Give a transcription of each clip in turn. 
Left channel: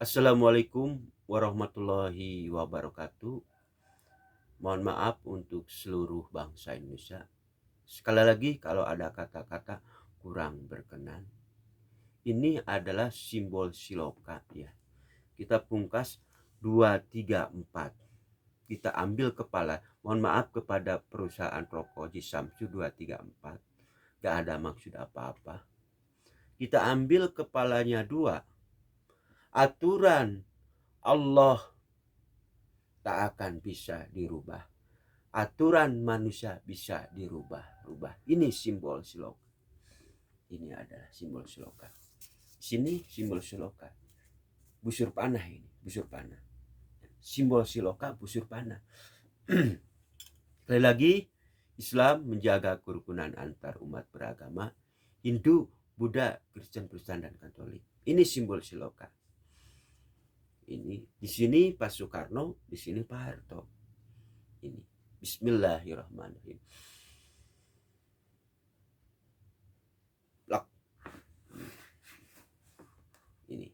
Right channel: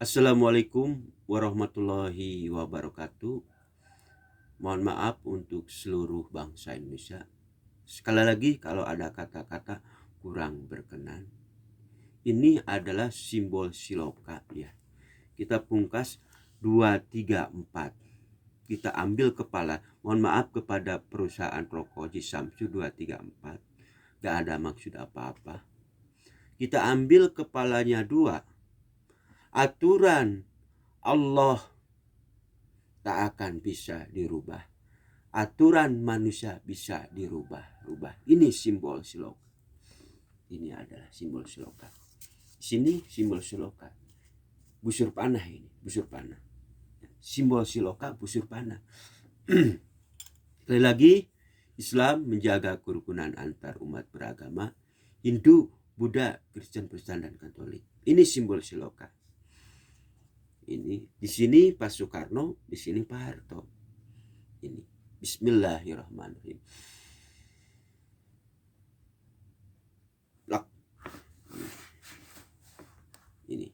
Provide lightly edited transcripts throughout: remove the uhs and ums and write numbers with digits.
Assalamualaikum warahmatullahi wabarakatuh. Mohon maaf untuk seluruh bangsa Indonesia. Sekali lagi kalau ada kata-kata kurang berkenan. Ini adalah simbol siloka ya. Kita pungkas 2, 3, 4. Kita ambil kepala. Mohon maaf kepada perusahaan rokok Ji Samsu 2, 3, 4. Gak ada maksud apa-apa. Kita ambil kepalanya 2. Aturan Allah tak akan bisa dirubah. Aturan manusia bisa dirubah-rubah. Ini simbol siloka. Ini adalah simbol siloka. Sini simbol siloka. Busur panah ini, busur panah. Simbol siloka busur panah. Sekali lagi, Islam menjaga kerukunan antar umat beragama, Hindu, Buddha, Kristen, Protestan, dan Katolik. Ini simbol siloka. Ini di sini Pak Soekarno, di sini Pak Harto. Ini Bismillahirrahmanirrahim. Ini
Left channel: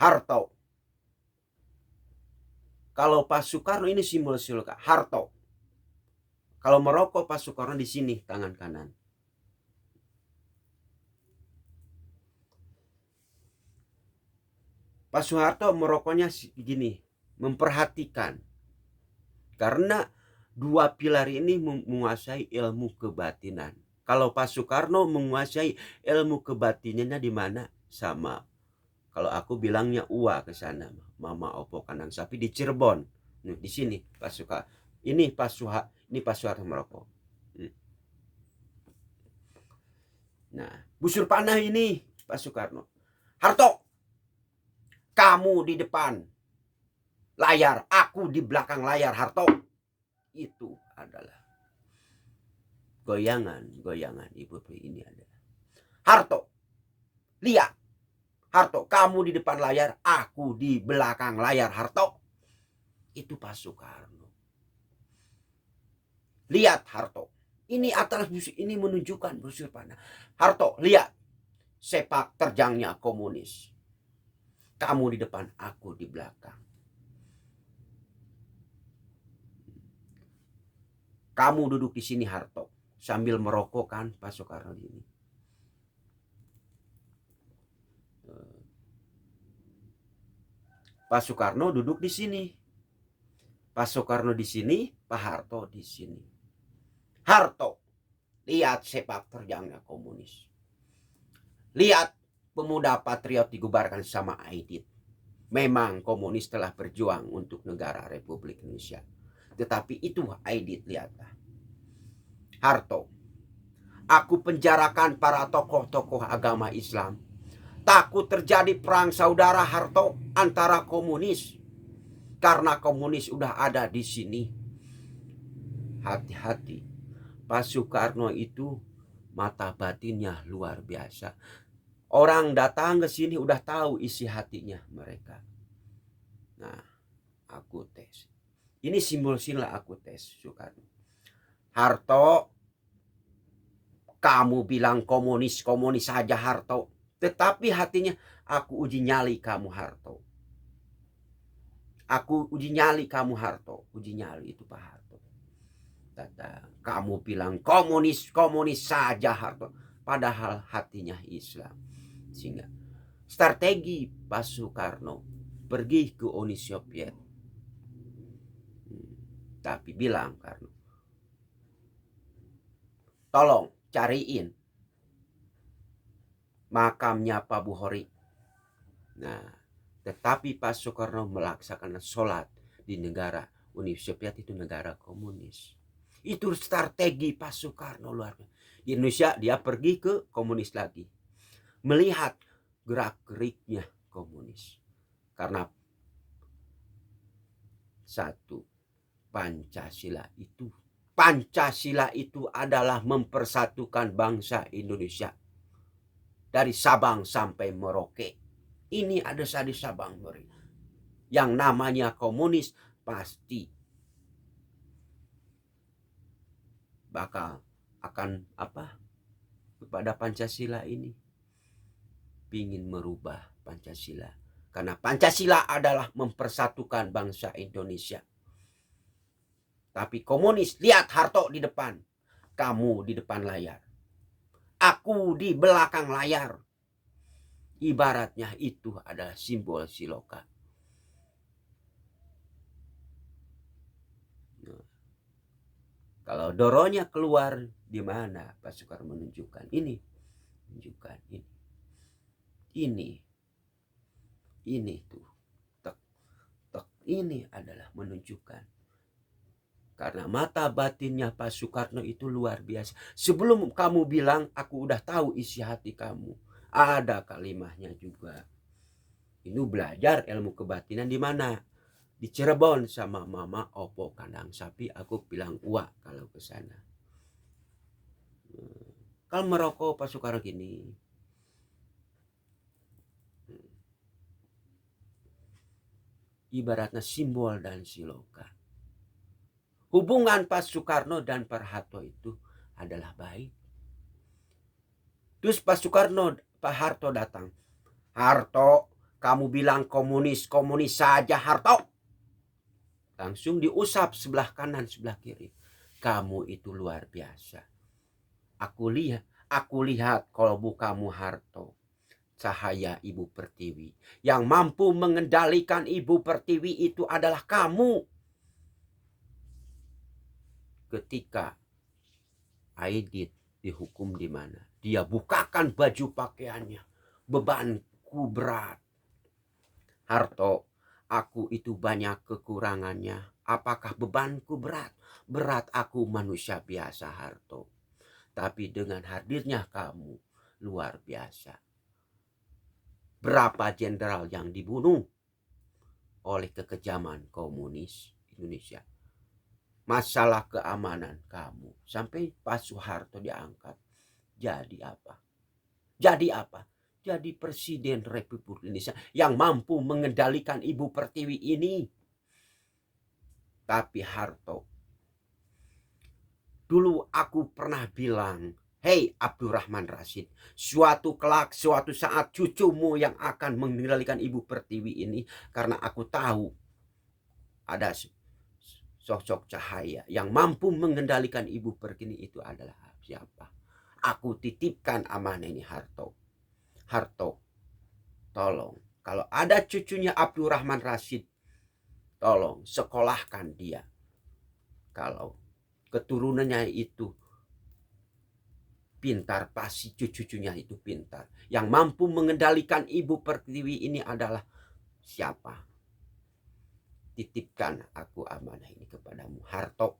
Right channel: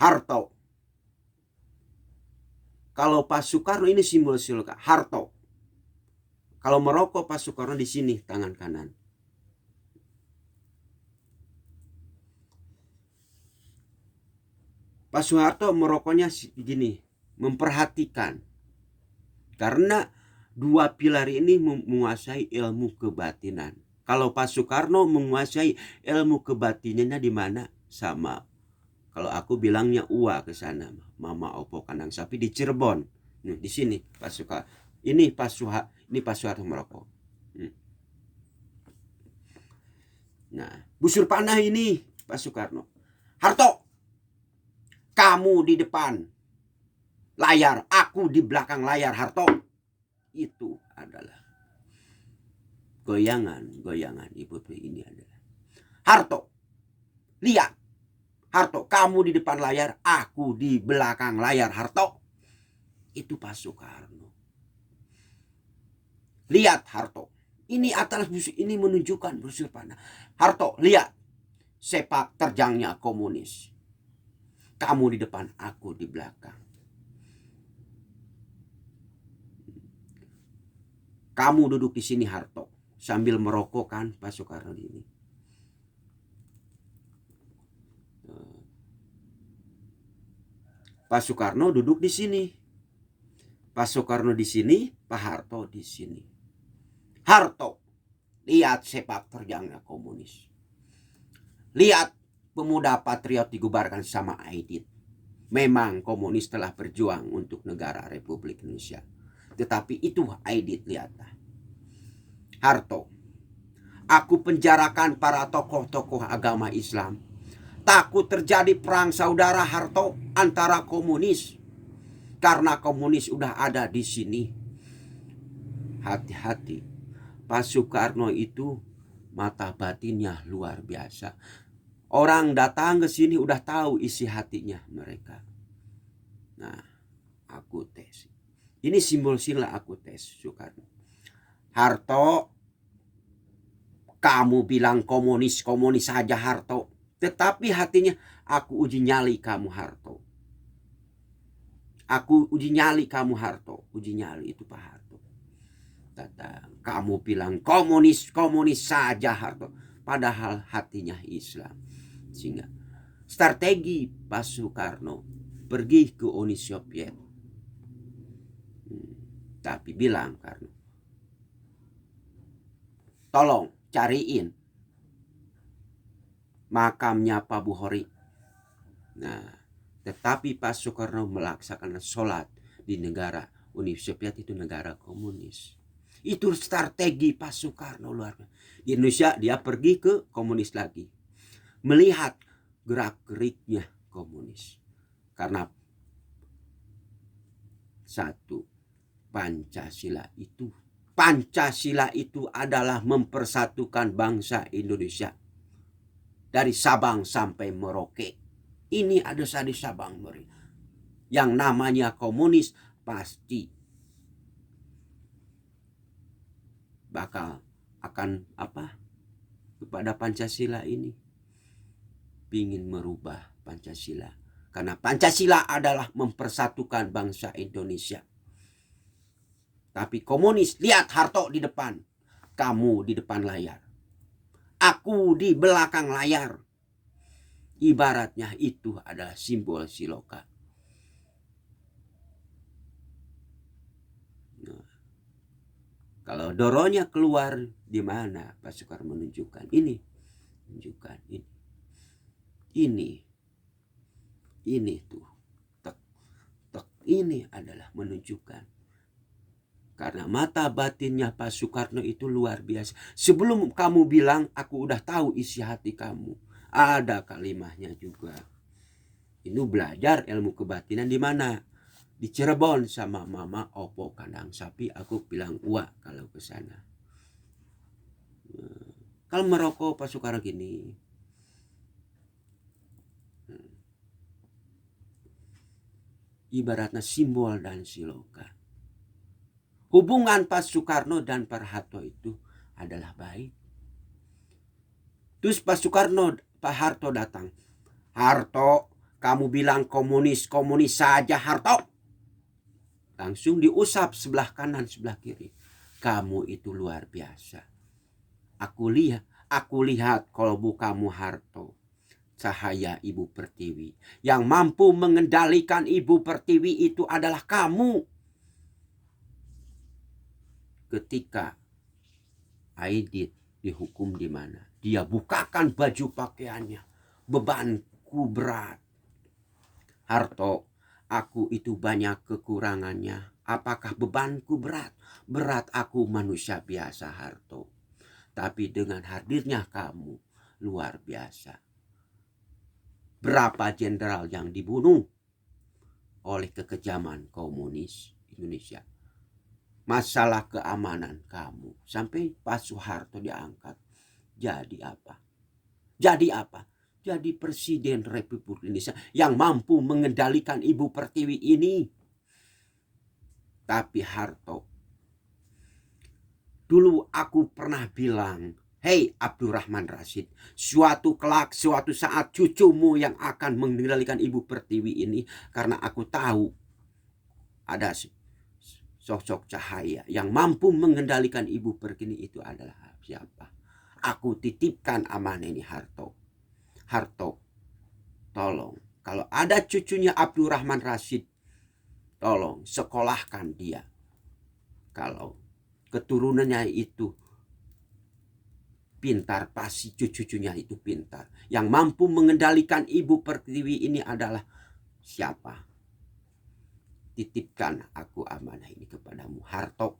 Harto. Kalau Pak Soekarno ini simbol siloka, Harto. Kalau merokok Pak Soekarno di sini tangan kanan. Pak Soeharto merokoknya gini, memperhatikan. Karena dua pilar ini menguasai ilmu kebatinan. Kalau Pak Soekarno menguasai ilmu kebatinannya di mana? Sama. Kalau aku bilangnya Uwa ke sana, Mama Opo kandang sapi di Cirebon. Nih, di sini Pak Soekarno. Ini Pak Soeharto merokok. Nah, busur panah ini Pak Soekarno. Harto, kamu di depan layar, aku di belakang layar, Harto. Itu adalah goyangan Ibu ini adalah. Harto, lihat. Harto, kamu di depan layar, aku di belakang layar, Harto. Itu Pak Soekarno. Lihat Harto. Ini atas busur ini menunjukkan busur panah. Harto, lihat. Sepak terjangnya komunis. Kamu di depan, aku di belakang. Kamu duduk di sini Harto, sambil merokok kan Pak Soekarno ini. Pak Soekarno duduk di sini. Pak Soekarno di sini, Pak Harto di sini. Harto, lihat sepak terjangnya komunis. Lihat pemuda patriot dibubarkan sama Aidit. Memang komunis telah berjuang untuk negara Republik Indonesia. Tetapi itu Aidit, lihatlah. Harto, aku penjarakan para tokoh-tokoh agama Islam. Takut terjadi perang saudara Harto antara komunis. Karena komunis udah ada di sini. Hati-hati. Pak Soekarno itu mata batinnya luar biasa. Orang datang ke sini udah tahu isi hatinya mereka. Nah, aku tes. Ini simbol sila aku tes Soekarno. Harto, kamu bilang komunis saja Harto. Tetapi hatinya, aku uji nyali kamu Harto. Aku uji nyali kamu Harto. Uji nyali itu Pak Harto. Datang, kamu bilang komunis saja Harto. Padahal hatinya Islam. Sehingga strategi Pak Soekarno pergi ke Uni Soviet. Tapi bilang Karno, tolong cariin makamnya Pak Buhori. Nah, tetapi Pak Soekarno melaksanakan sholat di negara Uni Soviet, itu negara komunis. Itu strategi Pak Soekarno luar biasa. Di Indonesia dia pergi ke komunis lagi. Melihat gerak-geriknya komunis. Karena satu, Pancasila itu adalah mempersatukan bangsa Indonesia. Dari Sabang sampai Merauke. Ini ada di Sabang Merauke. Yang namanya komunis pasti bakal akan kepada Pancasila ini. Ingin merubah Pancasila. Karena Pancasila adalah mempersatukan bangsa Indonesia. Tapi komunis, lihat Harto di depan. Kamu di depan layar. Aku di belakang layar. Ibaratnya itu adalah simbol Siloka. Nah, kalau Doronya keluar, di mana Pak Soekarno menunjukkan ini, menunjukkan ini, ini tuh, tek, tek, ini adalah menunjukkan. Karena mata batinnya Pak Soekarno itu luar biasa. Sebelum kamu bilang, aku udah tahu isi hati kamu. Ada kalimatnya juga. Ini belajar ilmu kebatinan di mana? Di Cirebon sama mama opo kandang sapi. Aku bilang wah kalau ke sana. Kalau merokok Pak Soekarno gini. Ibaratnya simbol dan Siloka. Hubungan Pak Soekarno dan Pak Harto itu adalah baik. Terus Pak Soekarno, Pak Harto datang. Harto, kamu bilang komunis, komunis saja Harto. Langsung diusap sebelah kanan, sebelah kiri. Kamu itu luar biasa. Aku lihat kolbu kamu Harto. Cahaya Ibu Pertiwi. Yang mampu mengendalikan Ibu Pertiwi itu adalah kamu. Ketika Aidit dihukum di mana? Dia bukakan baju pakaiannya. Bebanku berat. Harto, aku itu banyak kekurangannya. Apakah bebanku berat? Berat, aku manusia biasa Harto. Tapi dengan hadirnya kamu luar biasa. Berapa jenderal yang dibunuh oleh kekejaman komunis Indonesia? Masalah keamanan kamu. Sampai Pak Soeharto diangkat. Jadi apa? Jadi apa? Jadi Presiden Republik Indonesia yang mampu mengendalikan Ibu Pertiwi ini. Tapi Harto, dulu aku pernah bilang, hei Abdurrahman Rasyid, suatu saat cucumu yang akan mengendalikan Ibu Pertiwi ini, karena aku tahu ada sosok cahaya yang mampu mengendalikan Ibu Pertiwi itu adalah siapa? Aku titipkan amanah ini Harto. Harto, tolong kalau ada cucunya Abdurrahman Rasyid, tolong sekolahkan dia. Kalau keturunannya itu pintar, pasti cucunya itu pintar. Yang mampu mengendalikan Ibu Pertiwi ini adalah siapa? Titipkan aku amanah ini kepadamu Harto.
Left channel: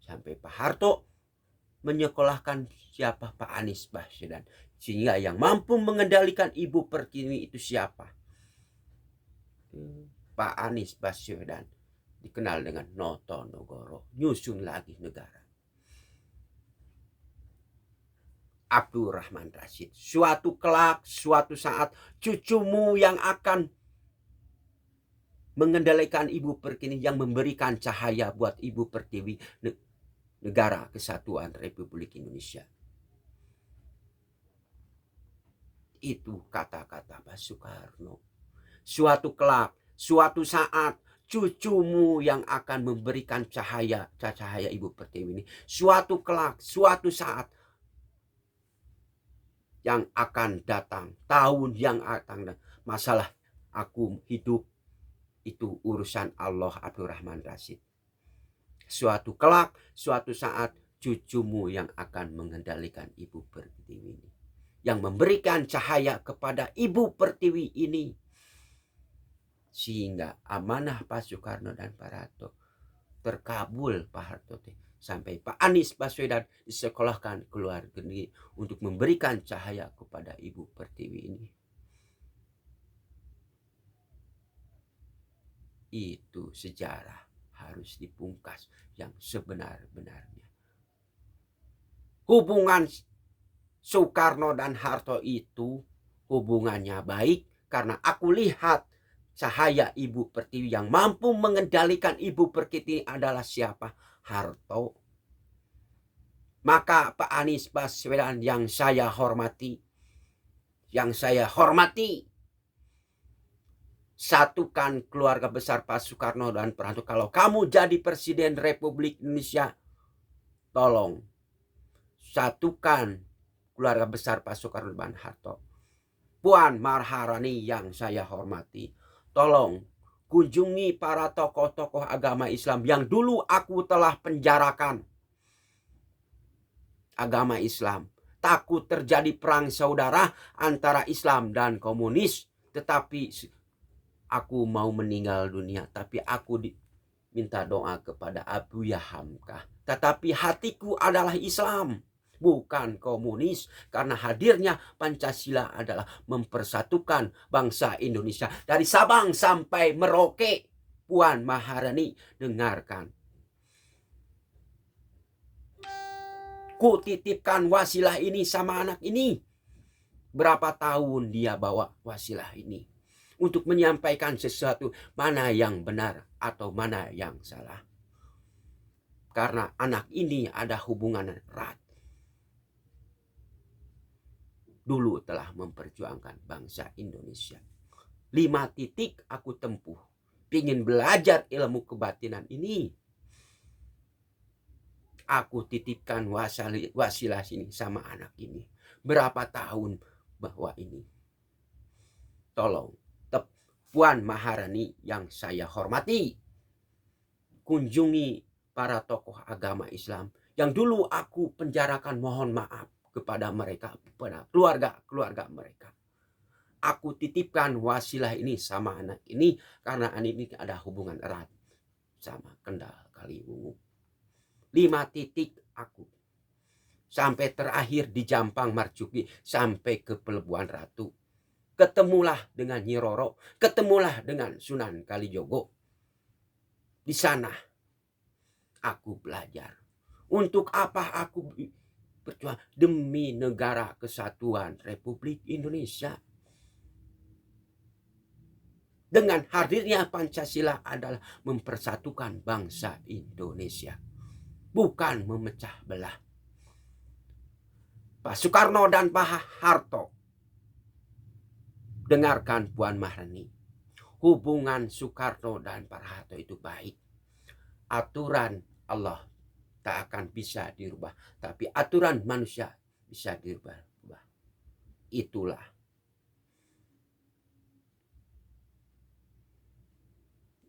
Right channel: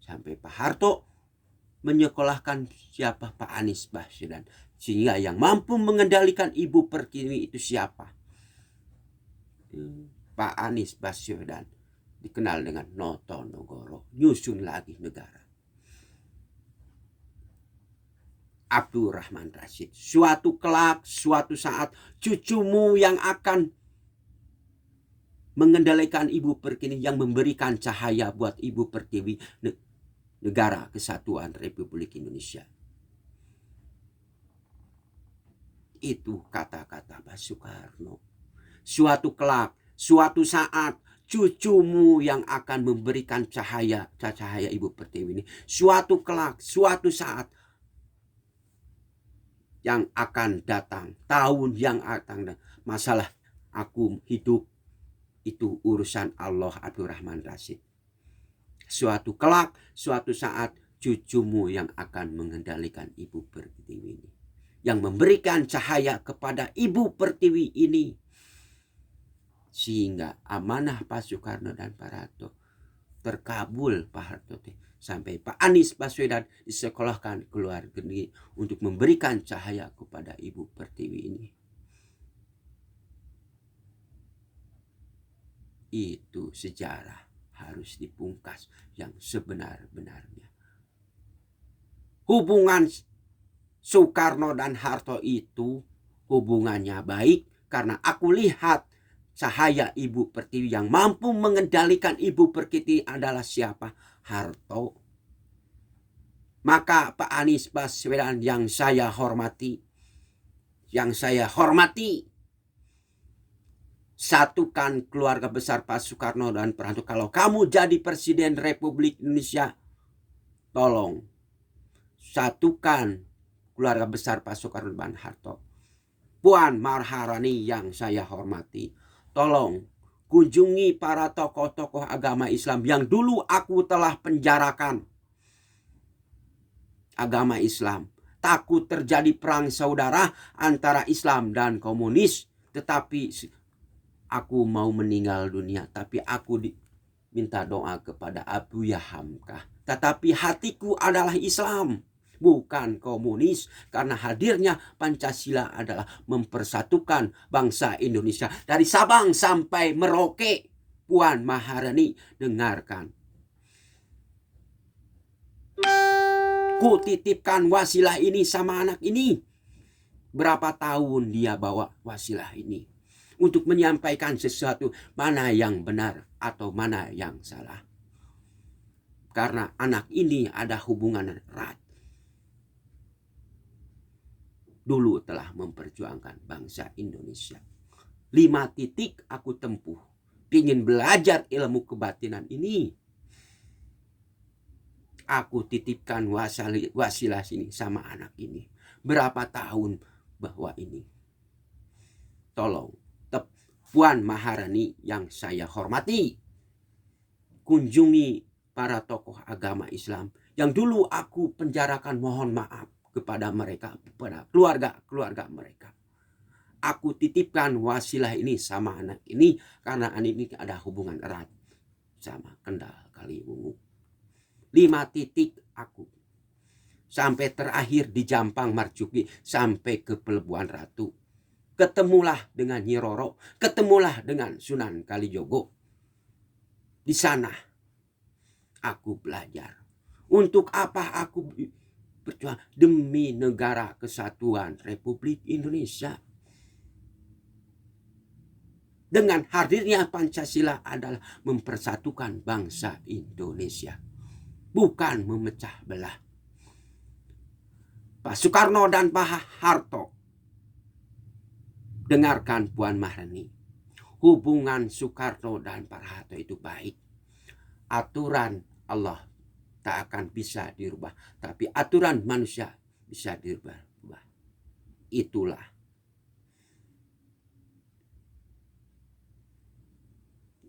Sampai Pak Harto menyekolahkan siapa? Pak Anies Baswedan. Sehingga yang mampu mengendalikan Ibu Pertiwi itu siapa? Pak Anies Baswedan. Dikenal dengan Noto Nogoro. Nyusun lagi negara. Abdurrahman Rasyid. Suatu saat cucumu yang akan mengendalikan Ibu Pertiwi, yang memberikan cahaya buat Ibu Pertiwi, negara kesatuan Republik Indonesia. Itu kata-kata Pak Soekarno. Suatu saat cucumu yang akan memberikan cahaya Ibu Pertiwi ini. Suatu saat yang akan datang, tahun yang akan datang. Masalah aku hidup itu urusan Allah. Abdurrahman Rasyid. Suatu saat cucumu yang akan mengendalikan Ibu Pertiwi ini, yang memberikan cahaya kepada Ibu Pertiwi ini, sehingga amanah Pak Soekarno dan Pak Harto terkabul. Pak Harto sampai Pak Anies Baswedan disekolahkan ke luar negeri untuk memberikan cahaya kepada Ibu Pertiwi ini. Itu sejarah harus dipungkas yang sebenar-benarnya. Hubungan Soekarno dan Harto itu hubungannya baik karena aku lihat cahaya Ibu Pertiwi. Yang mampu mengendalikan Ibu Pertiwi adalah siapa? Harto. Maka Pak Anies Baswedan yang saya hormati, satukan keluarga besar Pak Soekarno dan Pak Harto. Kalau kamu jadi Presiden Republik Indonesia, tolong satukan keluarga besar Pak Soekarno dan Harto. Puan Maharani yang saya hormati, tolong kunjungi para tokoh-tokoh agama Islam yang dulu aku telah penjarakan. Agama Islam takut terjadi perang saudara antara Islam dan komunis, tetapi aku mau meninggal dunia, tapi aku minta doa kepada Abuya Hamka. Tetapi hatiku adalah Islam, bukan komunis, karena hadirnya Pancasila adalah mempersatukan bangsa Indonesia dari Sabang sampai Merauke. Puan Maharani, dengarkan. Ku titipkan wasilah ini sama anak ini. Berapa tahun dia bawa wasilah ini untuk menyampaikan sesuatu, mana yang benar atau mana yang salah. Karena anak ini ada hubungan erat. Dulu telah memperjuangkan bangsa Indonesia. 5 titik aku tempuh. Ingin belajar ilmu kebatinan ini. Aku titipkan wasilah sini sama anak ini. Berapa tahun bahwa ini. Tolong, Puan Maharani yang saya hormati, kunjungi para tokoh agama Islam yang dulu aku penjarakan. Mohon maaf kepada mereka, kepada keluarga mereka. Aku titipkan wasilah ini sama anak ini karena anak ini ada hubungan erat sama Kendal Kaliwungu. 5 titik aku. Sampai terakhir di Jampang Marjuki, sampai ke Pelebuhan Ratu. Ketemulah dengan Nyi Roro, ketemulah dengan Sunan Kalijogo. Di sana aku belajar. Untuk apa aku berjuang? Demi negara kesatuan Republik Indonesia. Dengan hadirnya Pancasila adalah mempersatukan bangsa Indonesia, bukan memecah belah. Pak Soekarno dan Pak Harto, dengarkan Puan Maharani. Hubungan Soekarno dan Pak Harto itu baik. Aturan Allah tak akan bisa dirubah, tapi aturan manusia bisa dirubah. Itulah.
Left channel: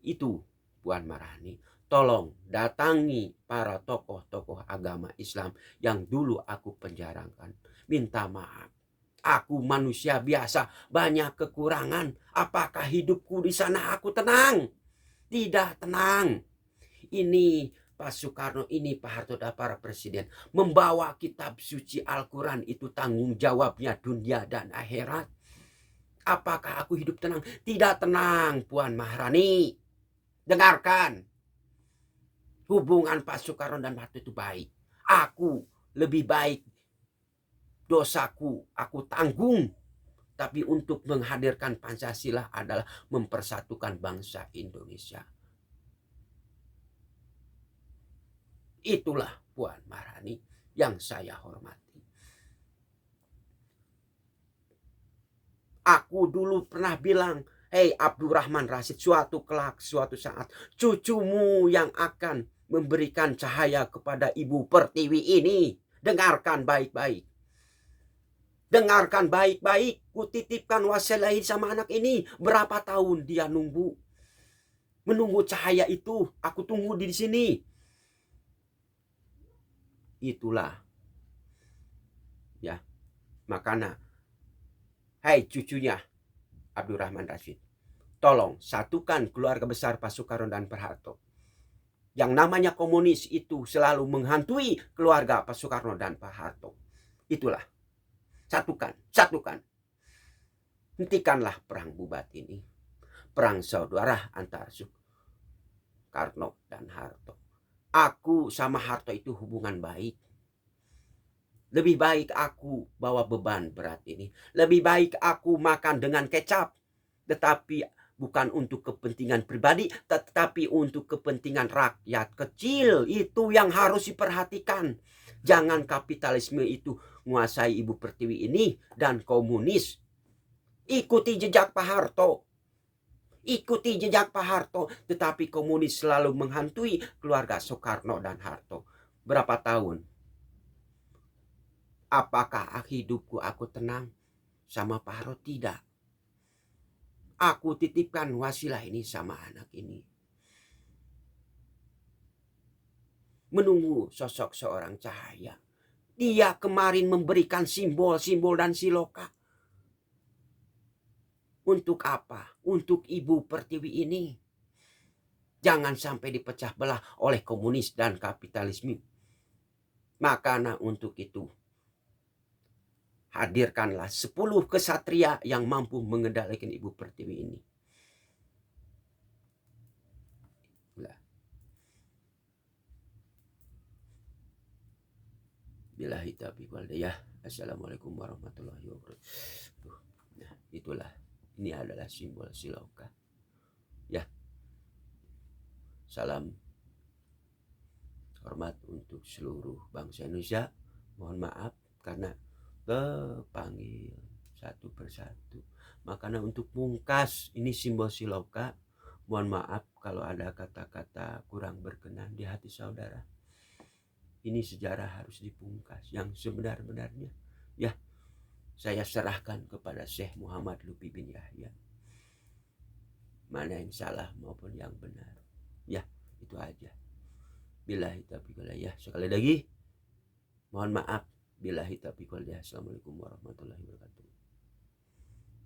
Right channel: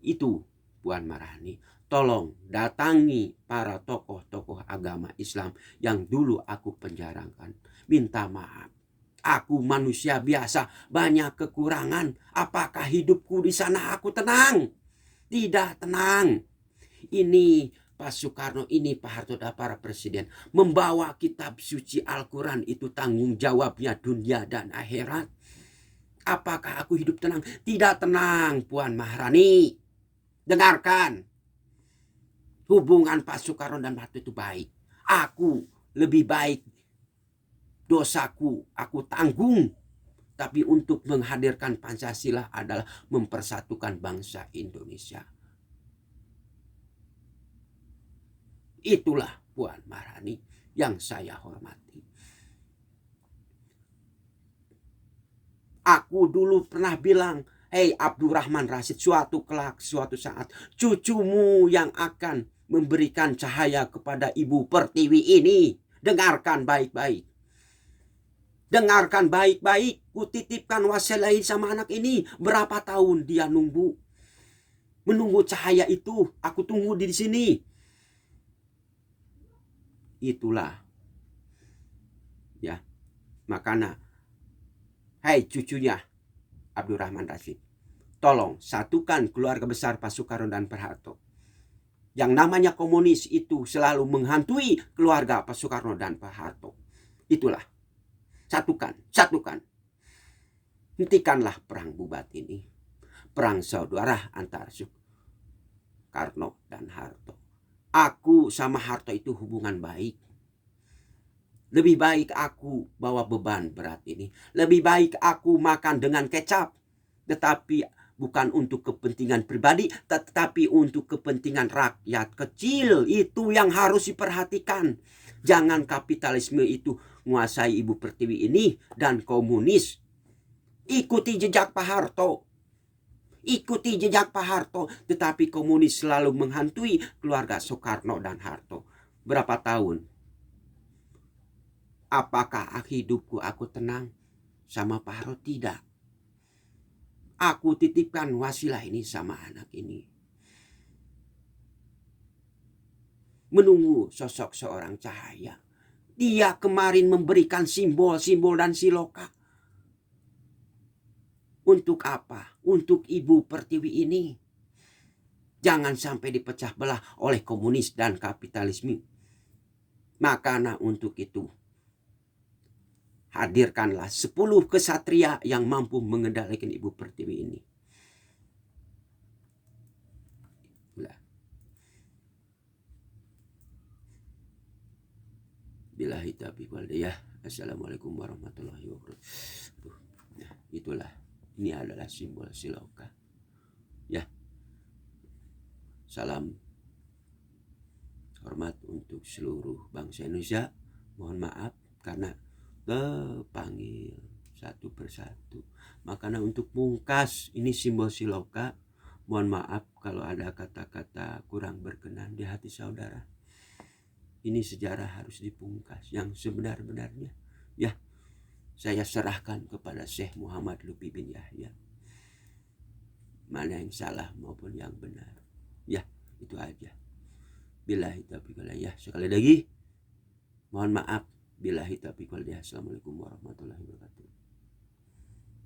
Itu Puan Maharani. Tolong datangi para tokoh-tokoh agama Islam yang dulu aku penjarakan. Minta maaf. Aku manusia biasa, banyak kekurangan. Apakah hidupku di sana aku tenang? Tidak tenang. Ini Pak Soekarno, ini Pak Harto dan para presiden. Membawa kitab suci Al-Quran itu tanggung jawabnya dunia dan akhirat. Apakah aku hidup tenang? Tidak tenang, Puan Maharani. Dengarkan. Hubungan Pak Soekarno dan Pak Harto itu baik. Aku lebih baik, dosaku aku tanggung. Tapi untuk menghadirkan Pancasila adalah mempersatukan bangsa Indonesia. Itulah Puan Maharani yang saya hormati. Aku dulu pernah bilang, hei Abdurrahman Rasyid, suatu saat cucumu yang akan memberikan cahaya kepada Ibu Pertiwi ini. Dengarkan baik-baik. Dengarkan baik-baik. Kutitipkan wasilah sama anak ini. Berapa tahun dia menunggu cahaya itu. Aku tunggu di sini. Itulah. Ya. Makanya, hai cucunya Abdurrahman Rasyid, tolong satukan keluarga besar Pak Soekarno dan Pak Harto. Yang namanya komunis itu selalu menghantui keluarga Pak Soekarno dan Pak Harto. Itulah. Satukan. Hentikanlah perang bubat ini. Perang saudara antara Soekarno dan Harto. Aku sama Harto itu hubungan baik. Lebih baik aku bawa beban berat ini. Lebih baik aku makan dengan kecap. Tetapi bukan untuk kepentingan pribadi, tetapi untuk kepentingan rakyat kecil. Itu yang harus diperhatikan. Jangan kapitalisme itu menguasai Ibu Pertiwi ini dan komunis. Ikuti jejak Pak Harto. ikuti jejak Pak Harto, tetapi komunis selalu menghantui keluarga Soekarno dan Harto. Berapa tahun? Apakah hidupku aku tenang sama Pak Harto? Tidak. Aku titipkan wasilah ini sama anak ini. Menunggu sosok seorang Cahaya. Dia kemarin memberikan simbol-simbol dan siloka. Untuk apa? Untuk Ibu Pertiwi ini. Jangan sampai dipecah belah oleh komunis dan kapitalisme. Makanya untuk itu, hadirkanlah 10 kesatria yang mampu mengendalikan Ibu Pertiwi ini. Billahi taufiq wal hidayah. Assalamualaikum warahmatullahi wabarakatuh. Nah, itulah. Ini adalah simbol siloka. Ya. Salam hormat untuk seluruh bangsa Indonesia. Mohon maaf karena kepanggil satu persatu. Makanya untuk pungkas ini simbol siloka. Mohon maaf kalau ada kata-kata kurang berkenan di hati saudara. Ini sejarah harus dipungkas yang sebenar-benarnya. Ya, saya serahkan kepada Syekh Muhammad Lutfi bin Yahya. Mana yang salah maupun yang benar. Ya, itu aja. Billahi taufiq wal hidayah. Sekali lagi, mohon maaf. Billahi taufiq wal hidayah. Assalamualaikum warahmatullahi wabarakatuh.